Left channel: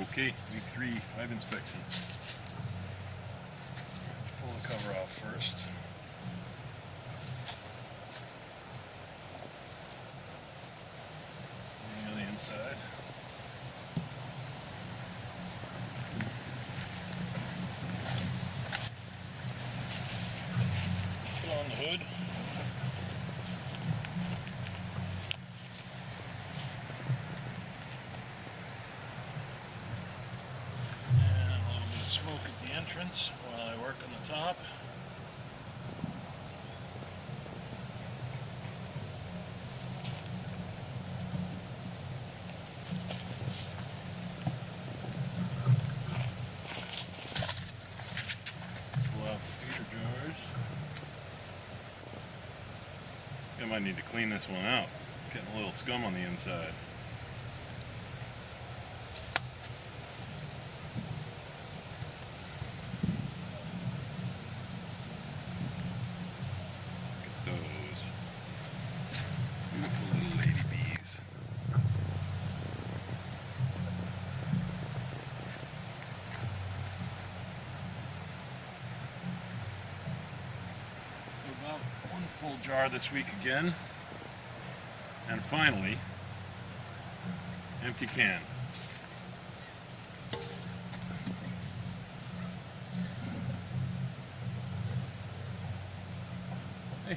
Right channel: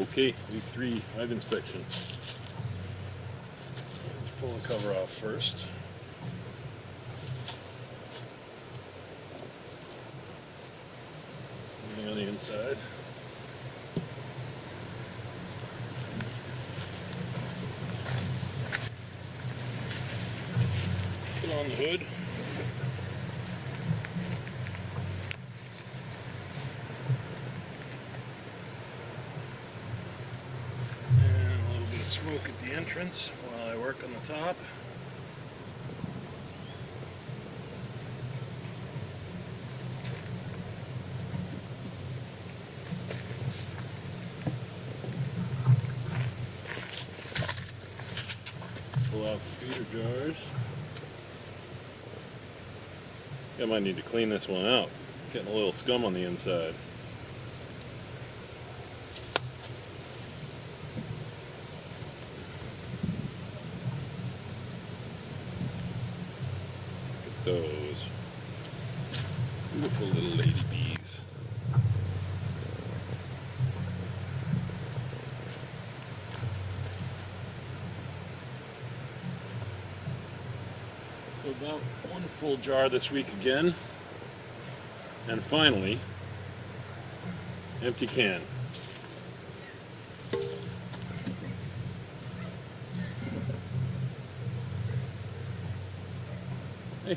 Okay, week 3 hive inspection. Let's pull the cover off first. Anything on the inside. Put on the hood. Smoke at the entrance while I work on the top. Pull out the feeder jars. I might need to clean this one out. Getting a little scum on the inside. Those beautiful little lady bees. So about 1 full jar this week again, and finally, empty can. Hey,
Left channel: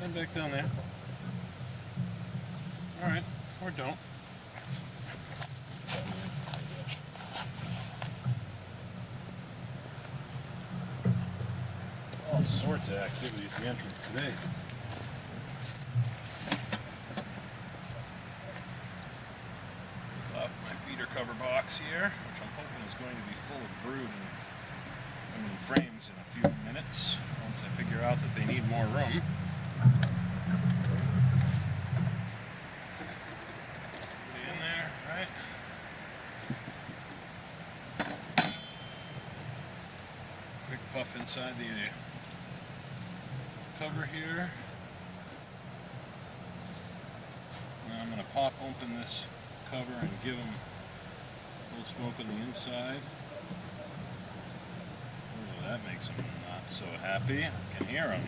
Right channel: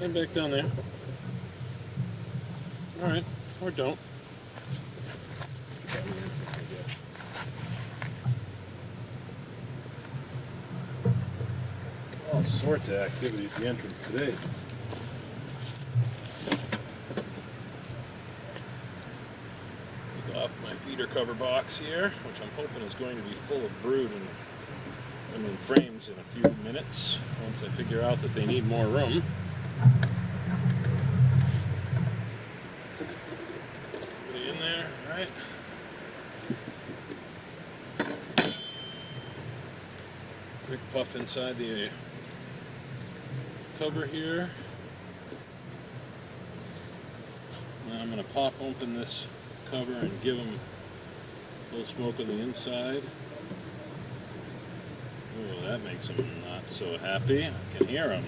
get back down there. Alright, or don't. All sorts of activity at the entrance today. Take off my feeder cover box here, which I'm hoping is going to be full of brood and frames in a few minutes, once I figure out that they need more room. Everybody in there, right? Quick puff inside the cover here. Now I'm going to pop open this cover and give them a little smoke on the inside. Oh, that makes them not so happy. I can hear them.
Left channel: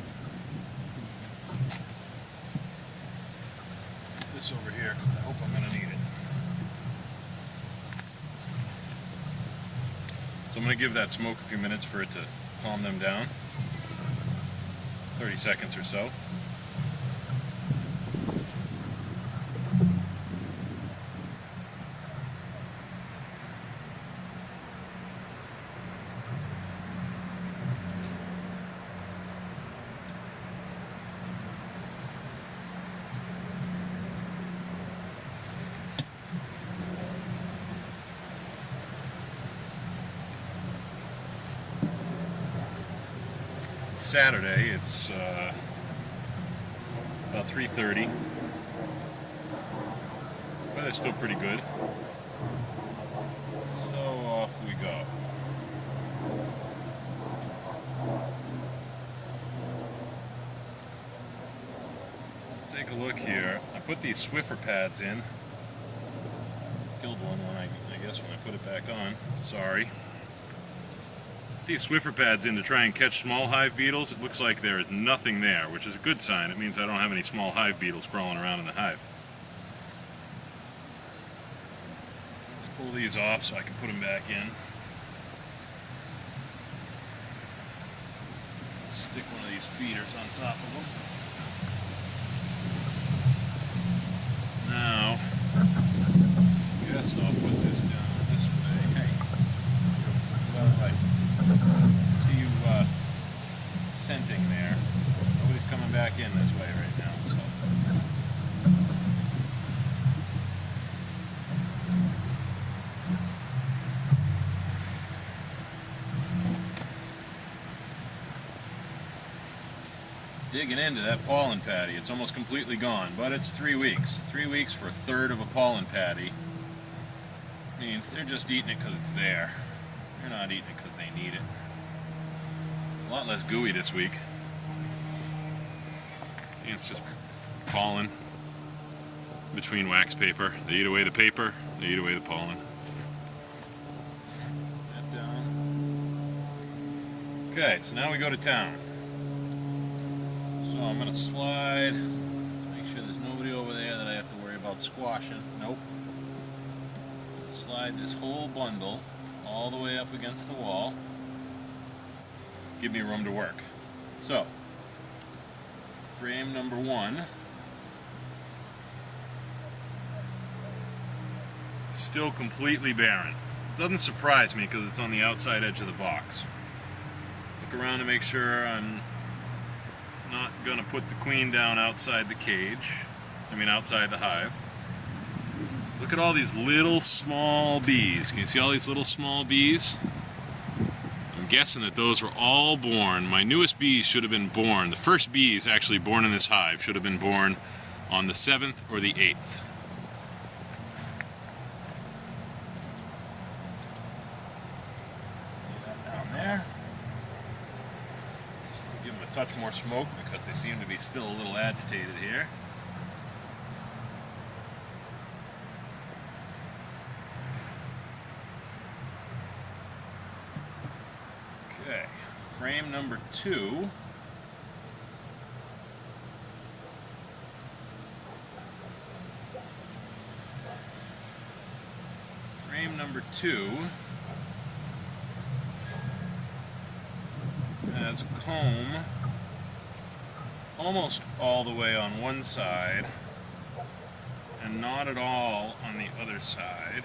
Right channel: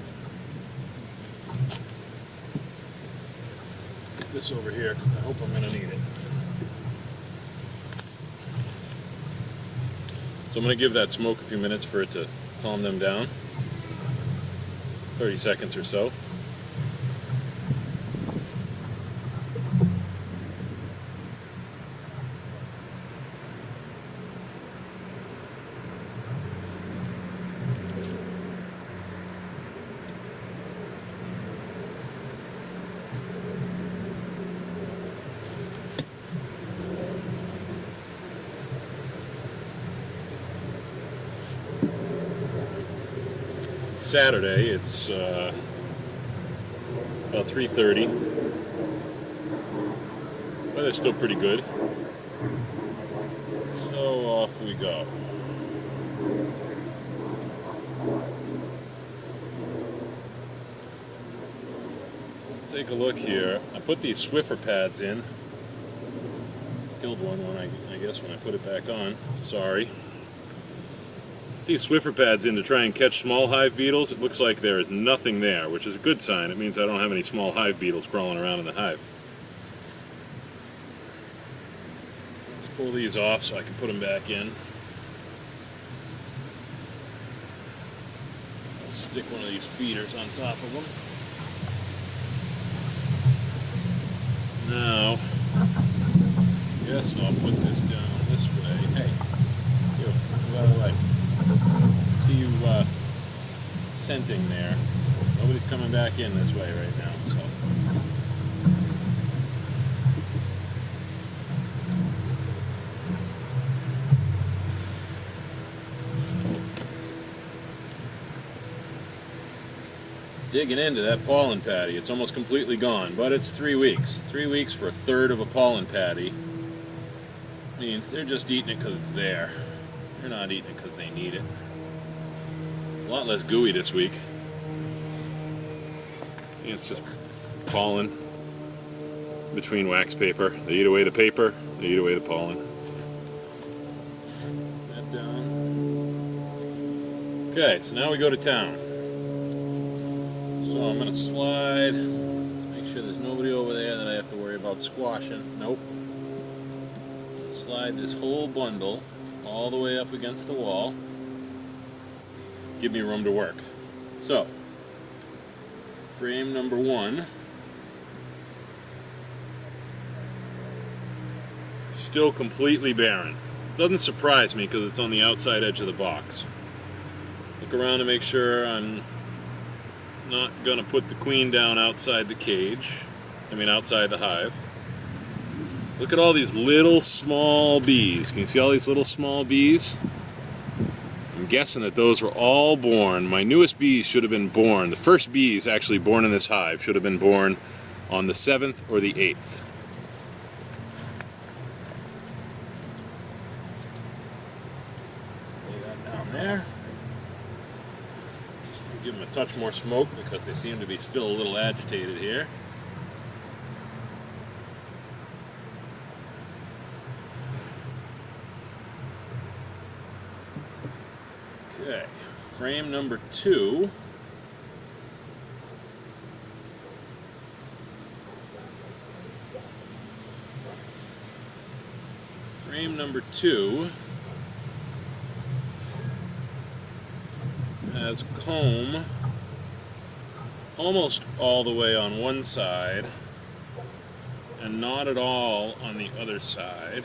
Put this over here because I hope I'm going to need it. So I'm going to give that smoke a few minutes for it to calm them down. 30 seconds or so. Saturday, it's about 3:30. Weather's still pretty good. So off we go. Take a look here. I put these Swiffer pads in. Killed one when I guess when I put it back on. Sorry. These Swiffer pads in to try and catch small hive beetles. It looks like there is nothing there, which is a good sign. It means I don't have any small hive beetles crawling around in the hive. Let's pull these off so I can put them back in. I'll stick one of these feeders on top of them. Now, I guess I'll put this down this way. Hey, you, move out of the way. See you scenting there. Nobody's coming back in this way right now, so. Digging into that pollen patty. It's almost completely gone, but it's 3 weeks. 3 weeks for 1/3 of a pollen patty means they're just eating it because it's there. They're not eating it because they need it. A lot less gooey this week. It's just pollen between wax paper. They eat away the paper, they eat away the pollen. that down. Okay, so now we go to town. So I'm going to slide, let's make sure there's nobody over there that I have to worry about squashing. Nope. Slide this whole bundle all the way up against the wall. Give me room to work. So, frame number 1. Still completely barren. Doesn't surprise me because it's on the outside edge of the box. Look around to make sure I'm not going to put the queen down outside the cage. Outside the hive. Look at all these little small bees. Can you see all these little small bees? I'm guessing that those were all born. My newest bees should have been born. The first bees actually born in this hive should have been born on the 7th or the 8th. Lay that down there. Give them a touch more smoke because they seem to be still a little agitated here. Okay, frame number 2. Frame number 2 has comb almost all the way on one side and not at all on the other side.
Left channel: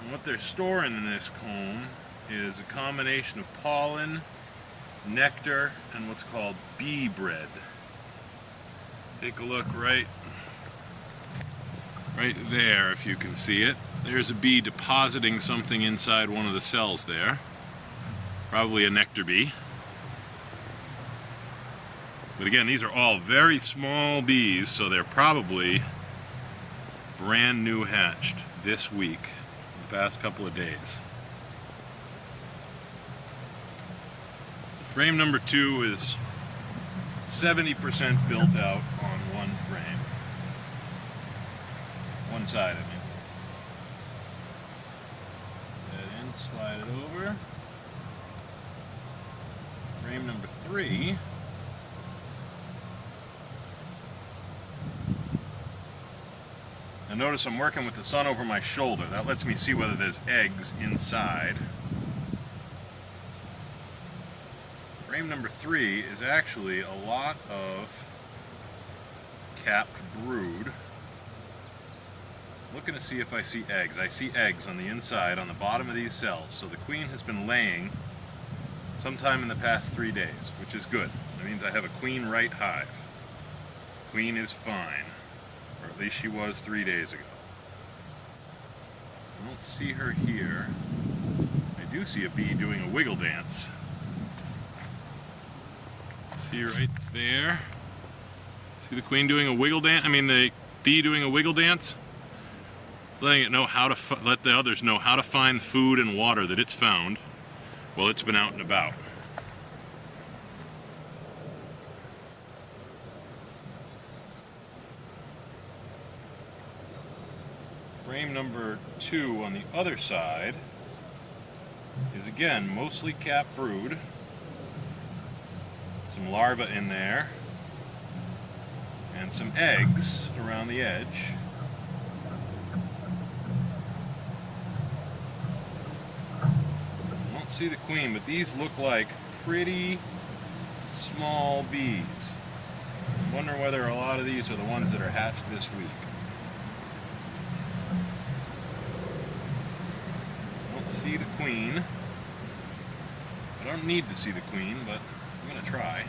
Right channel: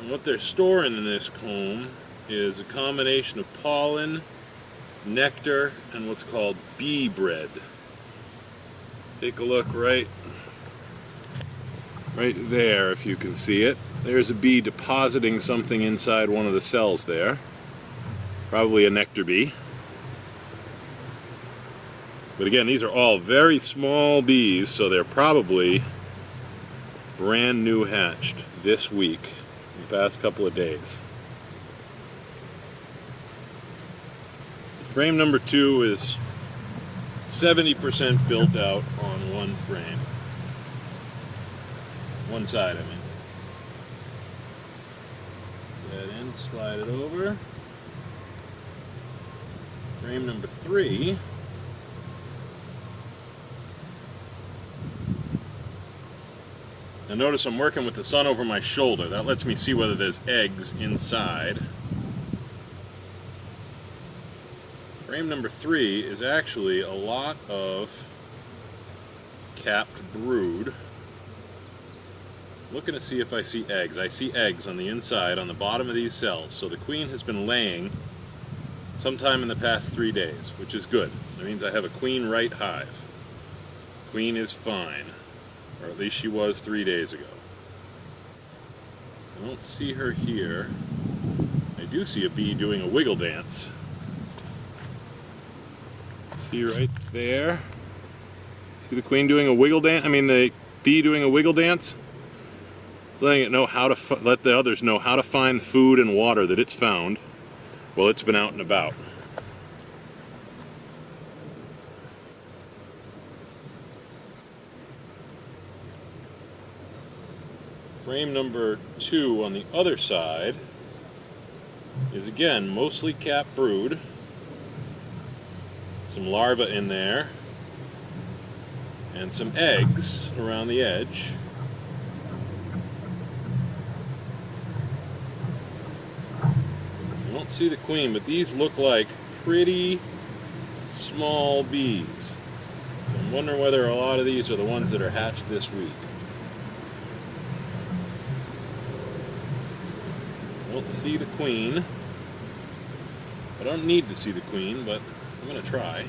And what they're storing in this comb is a combination of pollen, nectar, and what's called bee bread. Take a look right there if you can see it. There's a bee depositing something inside one of the cells there. Probably a nectar bee. But again, these are all very small bees, so they're probably brand new hatched this week, the past couple of days. Frame number 2 is 70% built out on one frame. One side, I mean. Put that in, slide it over. Frame number 3. Now notice I'm working with the sun over my shoulder. That lets me see whether there's eggs inside. Frame number 3 is actually a lot of capped brood. Looking to see if I see eggs. I see eggs on the inside, on the bottom of these cells. So the queen has been laying sometime in the past 3 days, which is good. That means I have a queen right hive. Queen is fine, or at least she was 3 days ago. I don't see her here. I do see a bee doing a wiggle dance. See right there? See the queen doing a wiggle dance? The bee doing a wiggle dance? Letting it know how to let the others know how to find food and water that it's found while it's been out and about. Frame number 2 on the other side is again mostly capped brood. Some larvae in there and some eggs around the edge. I don't see the queen, but these look like pretty small bees. I'm wondering whether a lot of these are the ones that are hatched this week. I don't see the queen. I don't need to see the queen, but I'm going to try.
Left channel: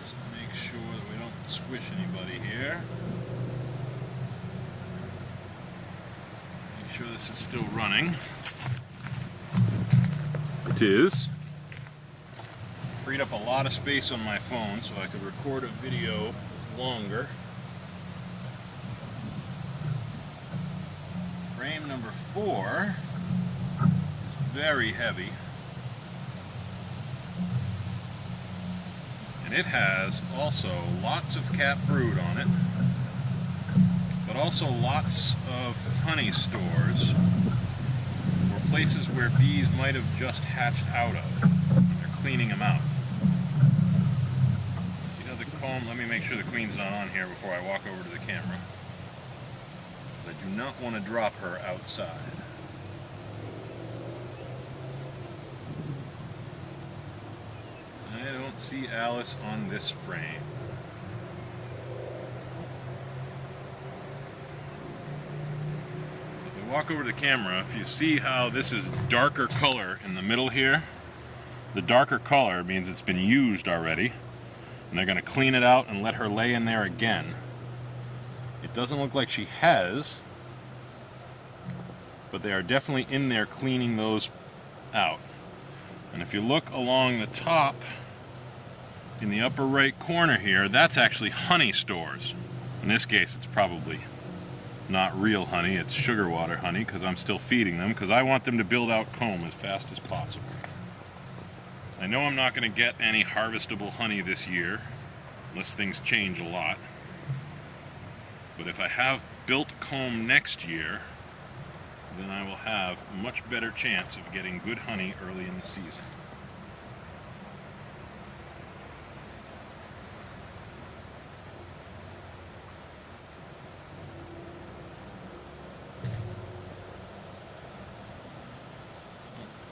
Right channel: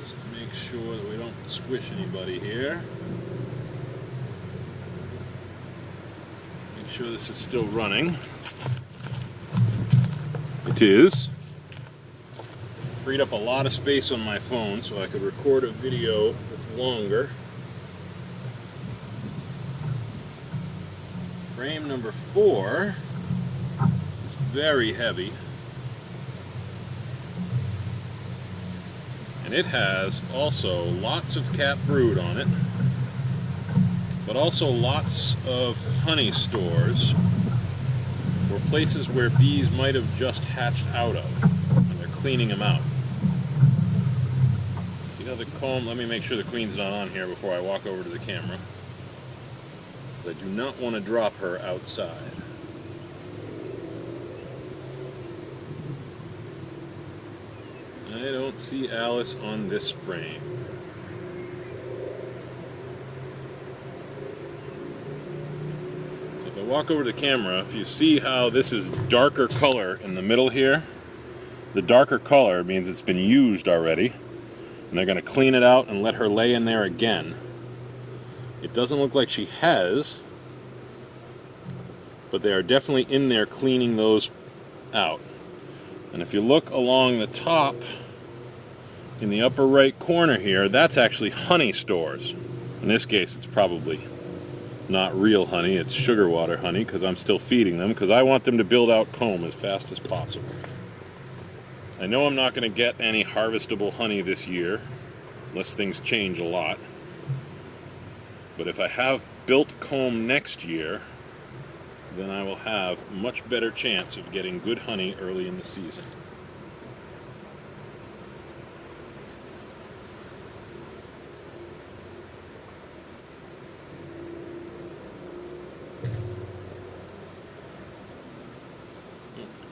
Just make sure that we don't squish anybody here. Make sure this is still running. It is. Freed up a lot of space on my phone so I could record a video that's longer. Frame number 4 is very heavy. And it has also lots of capped brood on it. but also lots of honey stores or places where bees might have just hatched out of, and they're cleaning them out. See how the comb, let me make sure the queen's not on here before I walk over to the camera. I do not want to drop her outside. I don't see Alice on this frame. So if I walk over to the camera, if you see how this is darker color in the middle here, the darker color means it's been used already, and they're going to clean it out and let her lay in there again. It doesn't look like she has, but they are definitely in there cleaning those out. And if you look along the top, in the upper right corner here, that's actually honey stores. In this case, it's probably not real honey, it's sugar water honey, because I'm still feeding them, because I want them to build out comb as fast as possible. I know I'm not going to get any harvestable honey this year, unless things change a lot. But if I have built comb next year, then I will have a much better chance of getting good honey early in the season.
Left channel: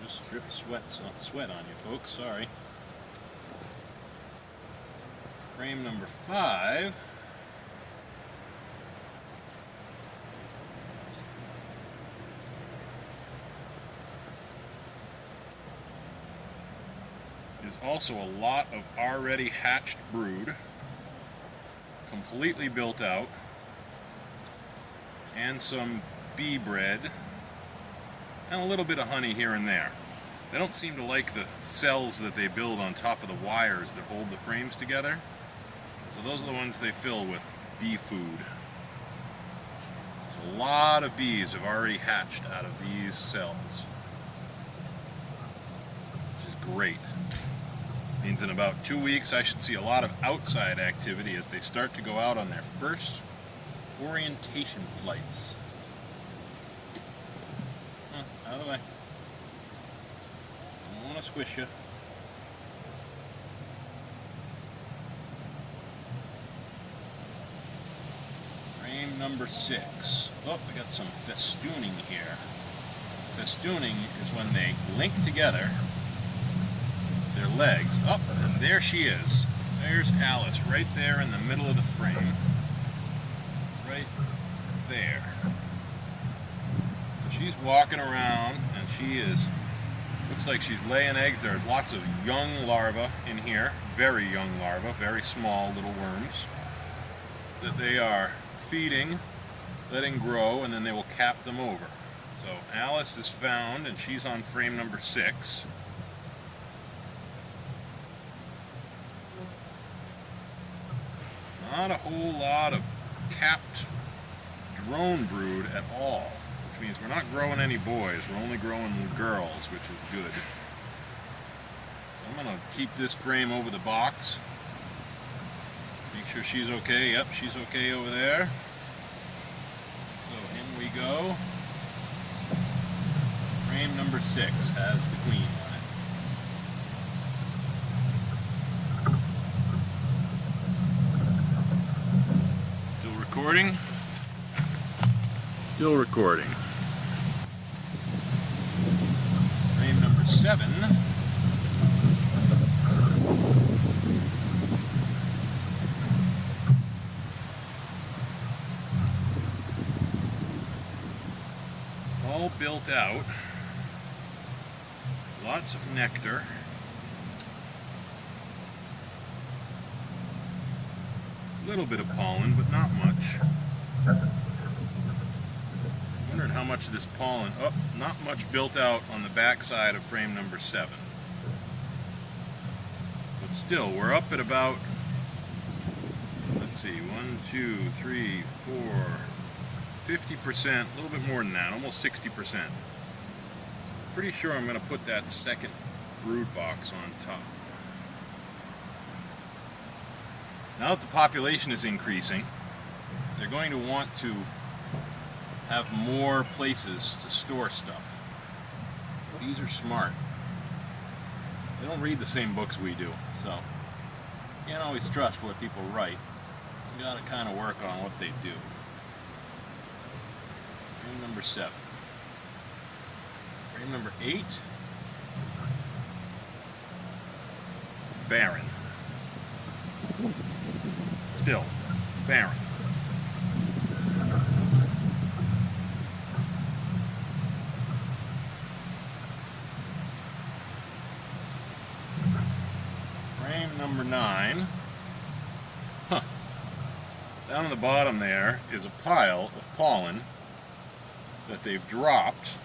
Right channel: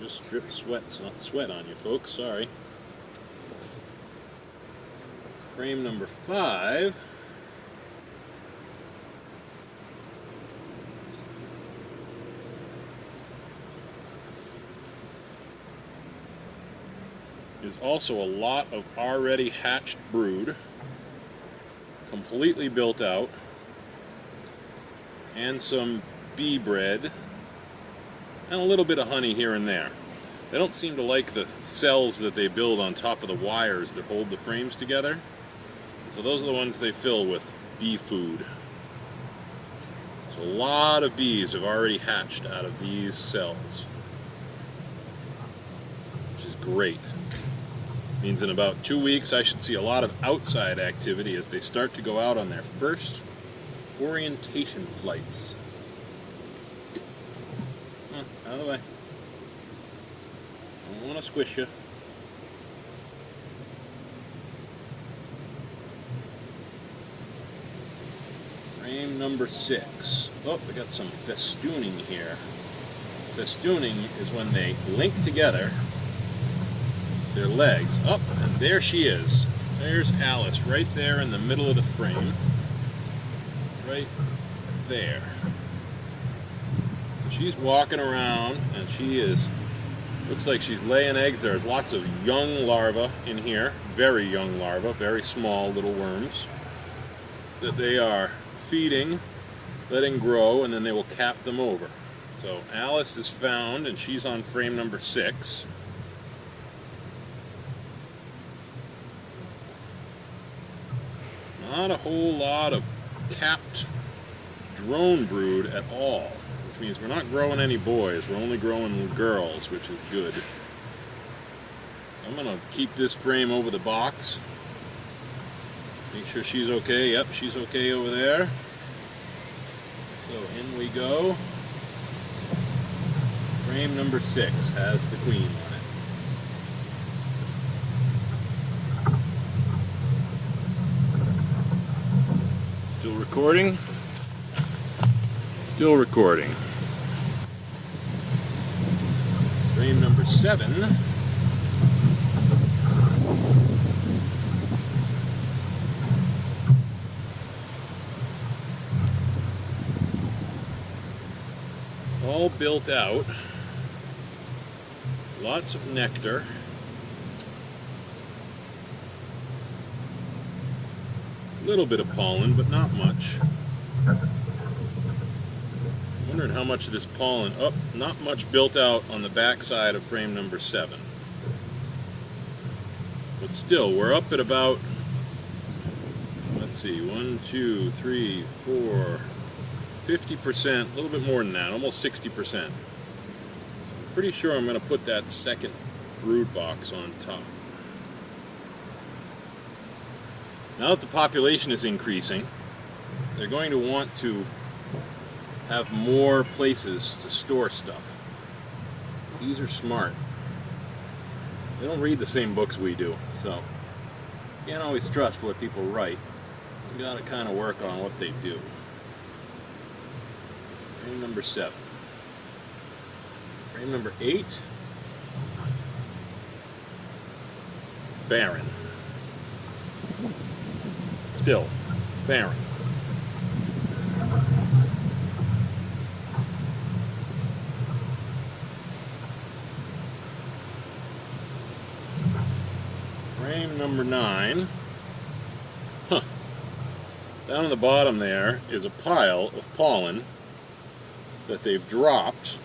Just dripped sweat on you folks, sorry. Frame number 5. Is also a lot of already hatched brood, completely built out, and some bee bread, and a little bit of honey here and there. They don't seem to like the cells that they build on top of the wires that hold the frames together, so those are the ones they fill with bee food. So a lot of bees have already hatched out of these cells, which is great. Means in about 2 weeks I should see a lot of outside activity as they start to go out on their first orientation flights. Out of the way. I don't want to squish you. Frame number 6. Oh, we got some festooning here. Festooning is when they link together their legs up, and there she is. There's Alice right there in the middle of the frame. Right there. So she's walking around, and she is, looks like she's laying eggs. There's lots of young larvae in here, very young larvae, very small little worms that they are feeding, letting grow, and then they will cap them over. So Alice is found, and she's on frame number 6. Not a whole lot of capped drone brood at all, which means we're not growing any boys, we're only growing girls, which is good. I'm going to keep this frame over the box, make sure she's okay. Yep, she's okay over there. So in we go. Frame number 6 has the queen on it. Still recording? Still recording. Frame number 7. All built out. Lots of nectar. A little bit of pollen, but not much. Wondering how much of this pollen, oh, not much built out on the back side of frame number 7. But still, we're up at about, let's see, 1, 2, 3, 4, 50%, a little bit more than that, almost 60%. So I'm pretty sure I'm going to put that second brood box on top. Now that the population is increasing, they're going to want to have more places to store stuff. Bees are smart. They don't read the same books we do, so you can't always trust what people write. You gotta kind of work on what they do. Frame number 7. Frame number 8. Barren. Still barren. Frame number 9. Huh. Down on the bottom there is a pile of pollen that they've dropped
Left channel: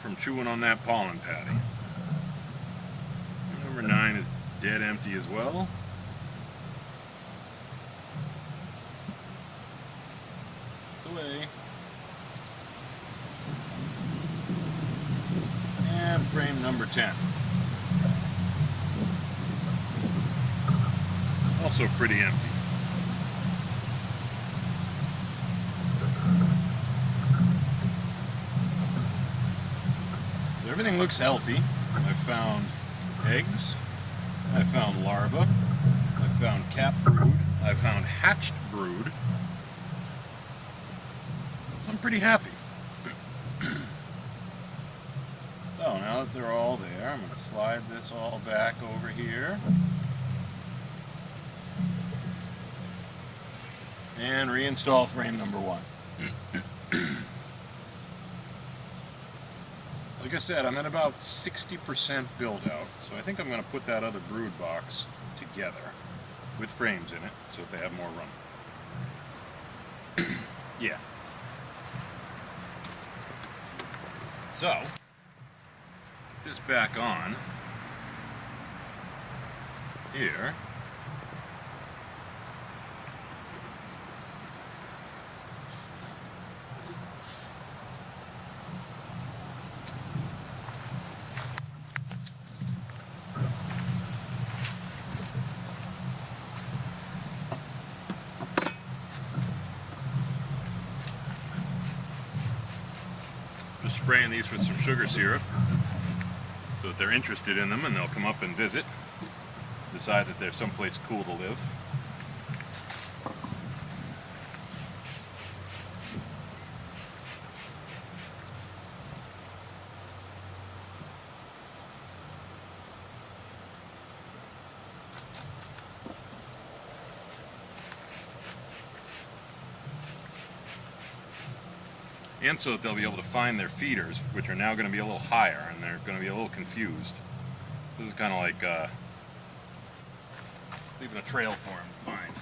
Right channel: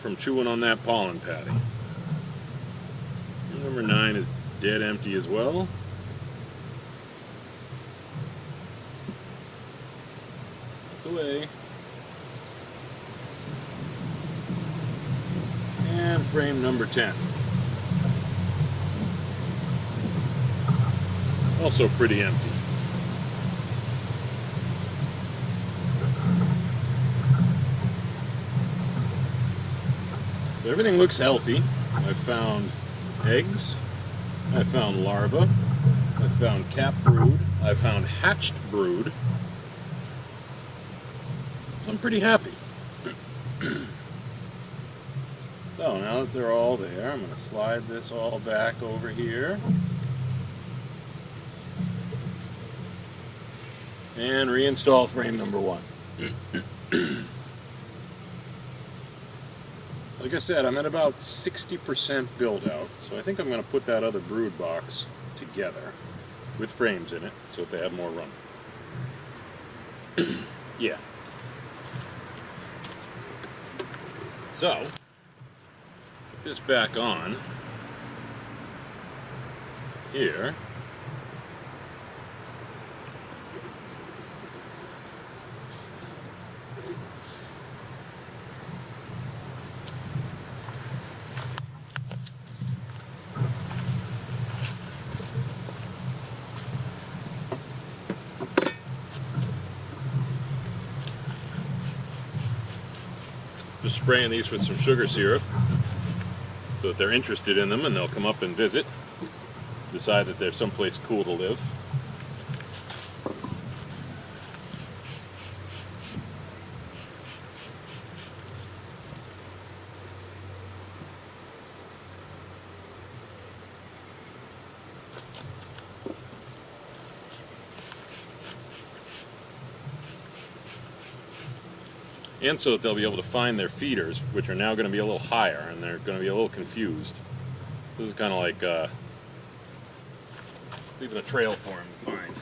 from chewing on that pollen patty. Frame number 9 is dead empty as well. Look away. And frame number 10. Also pretty empty. So everything looks healthy. I found eggs. I found larvae. I found capped brood. I found hatched brood. So I'm pretty happy. So now that they're all there, I'm going to slide this all back over here. And reinstall frame number 1. Like I said, I'm at about 60% build out, so I think I'm going to put that other brood box together with frames in it so that they have more room. Yeah. So, put this back on here. Just spraying these with some sugar syrup so that they're interested in them and they'll come up and visit, decide that there's someplace cool to live. And so that they'll be able to find their feeders, which are now going to be a little higher, and they're going to be a little confused. This is kind of like leaving a trail for them to find.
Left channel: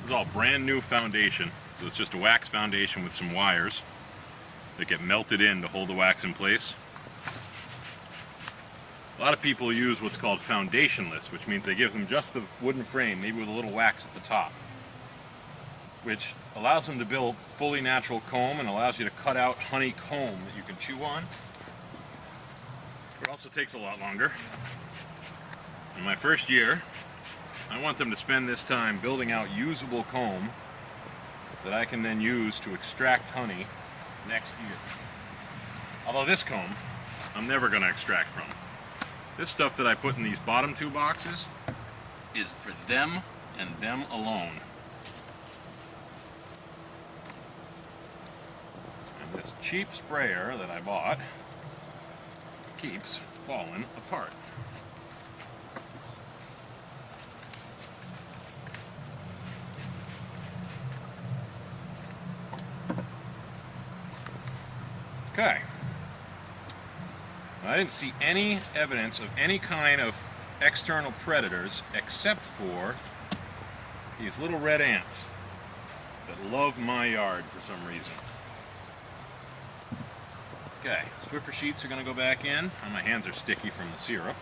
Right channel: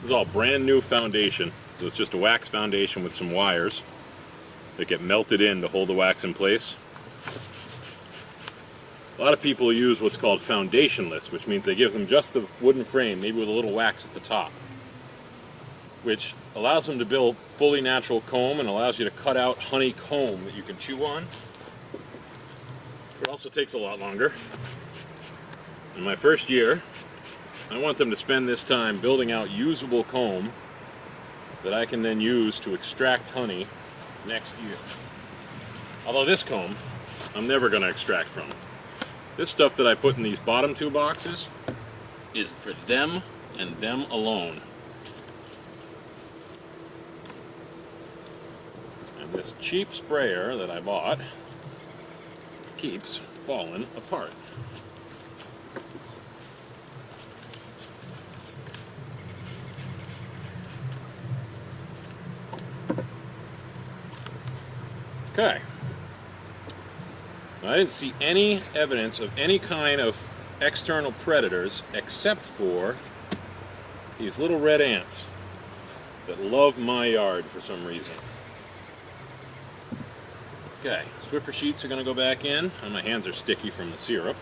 This is all brand new foundation. So it's just a wax foundation with some wires that get melted in to hold the wax in place. A lot of people use what's called foundationless, which means they give them just the wooden frame, maybe with a little wax at the top, which allows them to build fully natural comb and allows you to cut out honeycomb that you can chew on. It also takes a lot longer. In my first year, I want them to spend this time building out usable comb that I can then use to extract honey next year. Although this comb, I'm never going to extract from. This stuff that I put in these bottom 2 boxes is for them and them alone. And this cheap sprayer that I bought keeps falling apart. Okay. I didn't see any evidence of any kind of external predators except for these little red ants that love my yard for some reason. Okay, Swiffer sheets are going to go back in. My hands are sticky from the syrup.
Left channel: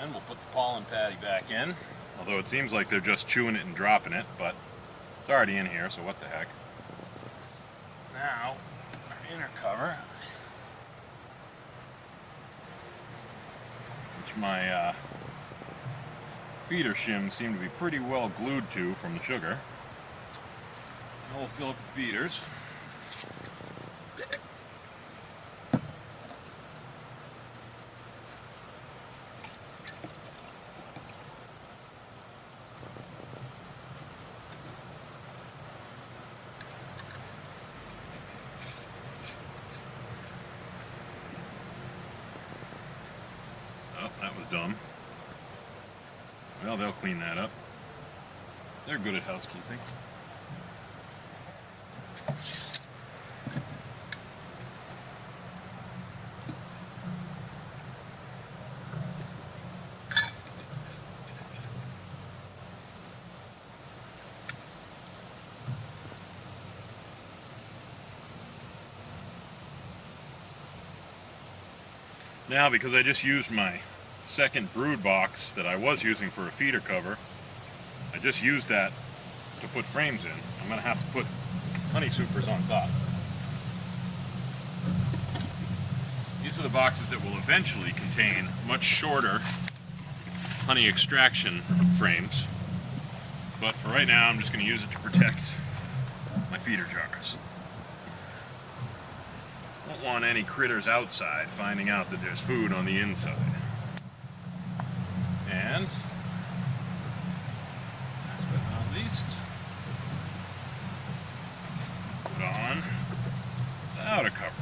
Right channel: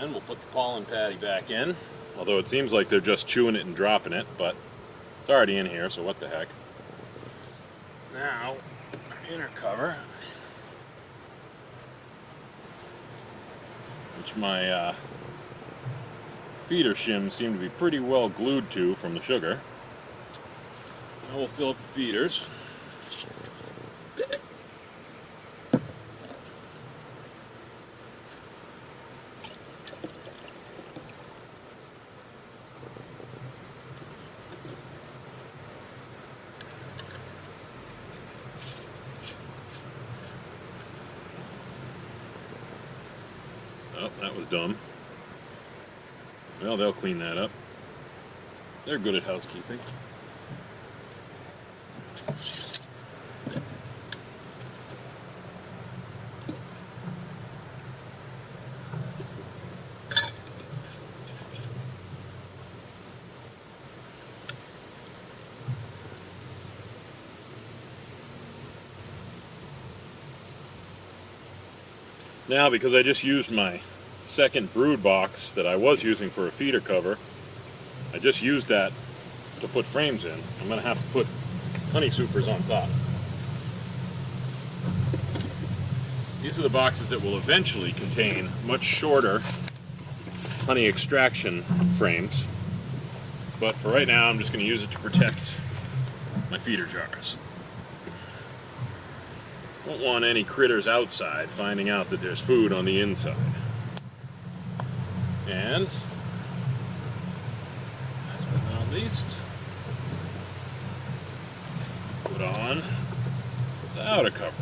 And we'll put the pollen patty back in, although it seems like they're just chewing it and dropping it, but it's already in here, so what the heck. Now, our inner cover, which my feeder shims seem to be pretty well glued to from the sugar. Now we'll fill up the feeders. Oh, that was dumb. Well, they'll clean that up. They're good at housekeeping. Now, because I just used my second brood box that I was using for a feeder cover, I just used that to put frames in. I'm going to have to put honey supers on top. These are the boxes that will eventually contain much shorter honey extraction frames, but for right now I'm just going to use it to protect my feeder jars. Don't want any critters outside finding out that there's food on the inside. And, last but not least, put on the outer cover.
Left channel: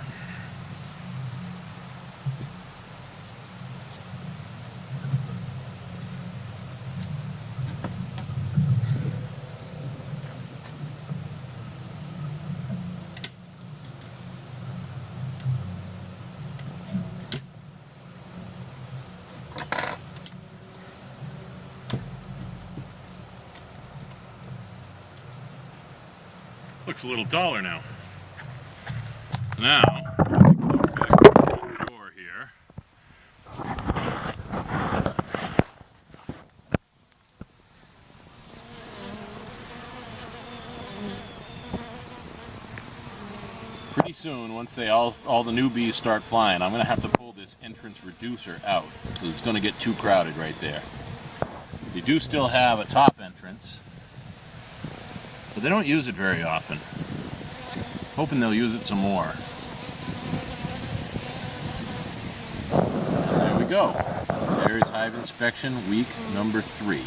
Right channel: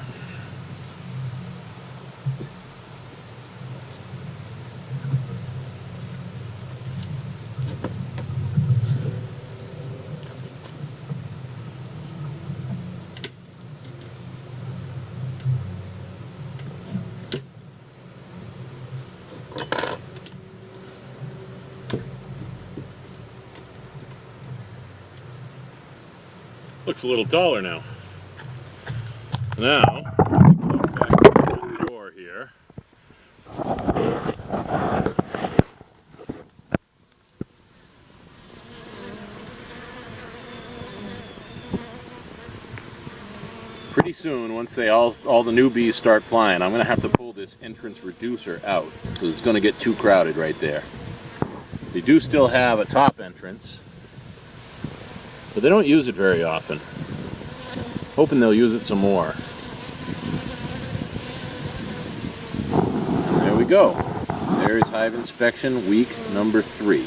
Looks a little taller now. Now, back to the door here. Pretty soon, once all the new bees start flying, I'm going to have to pull this entrance reducer out because it's going to get too crowded right there. They do still have a top entrance, but they don't use it very often. Hoping they'll use it some more. And there we go. There's Hive Inspection week number 3.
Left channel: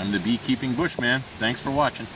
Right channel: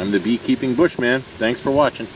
I'm the Beekeeping Bushman. Thanks for watching.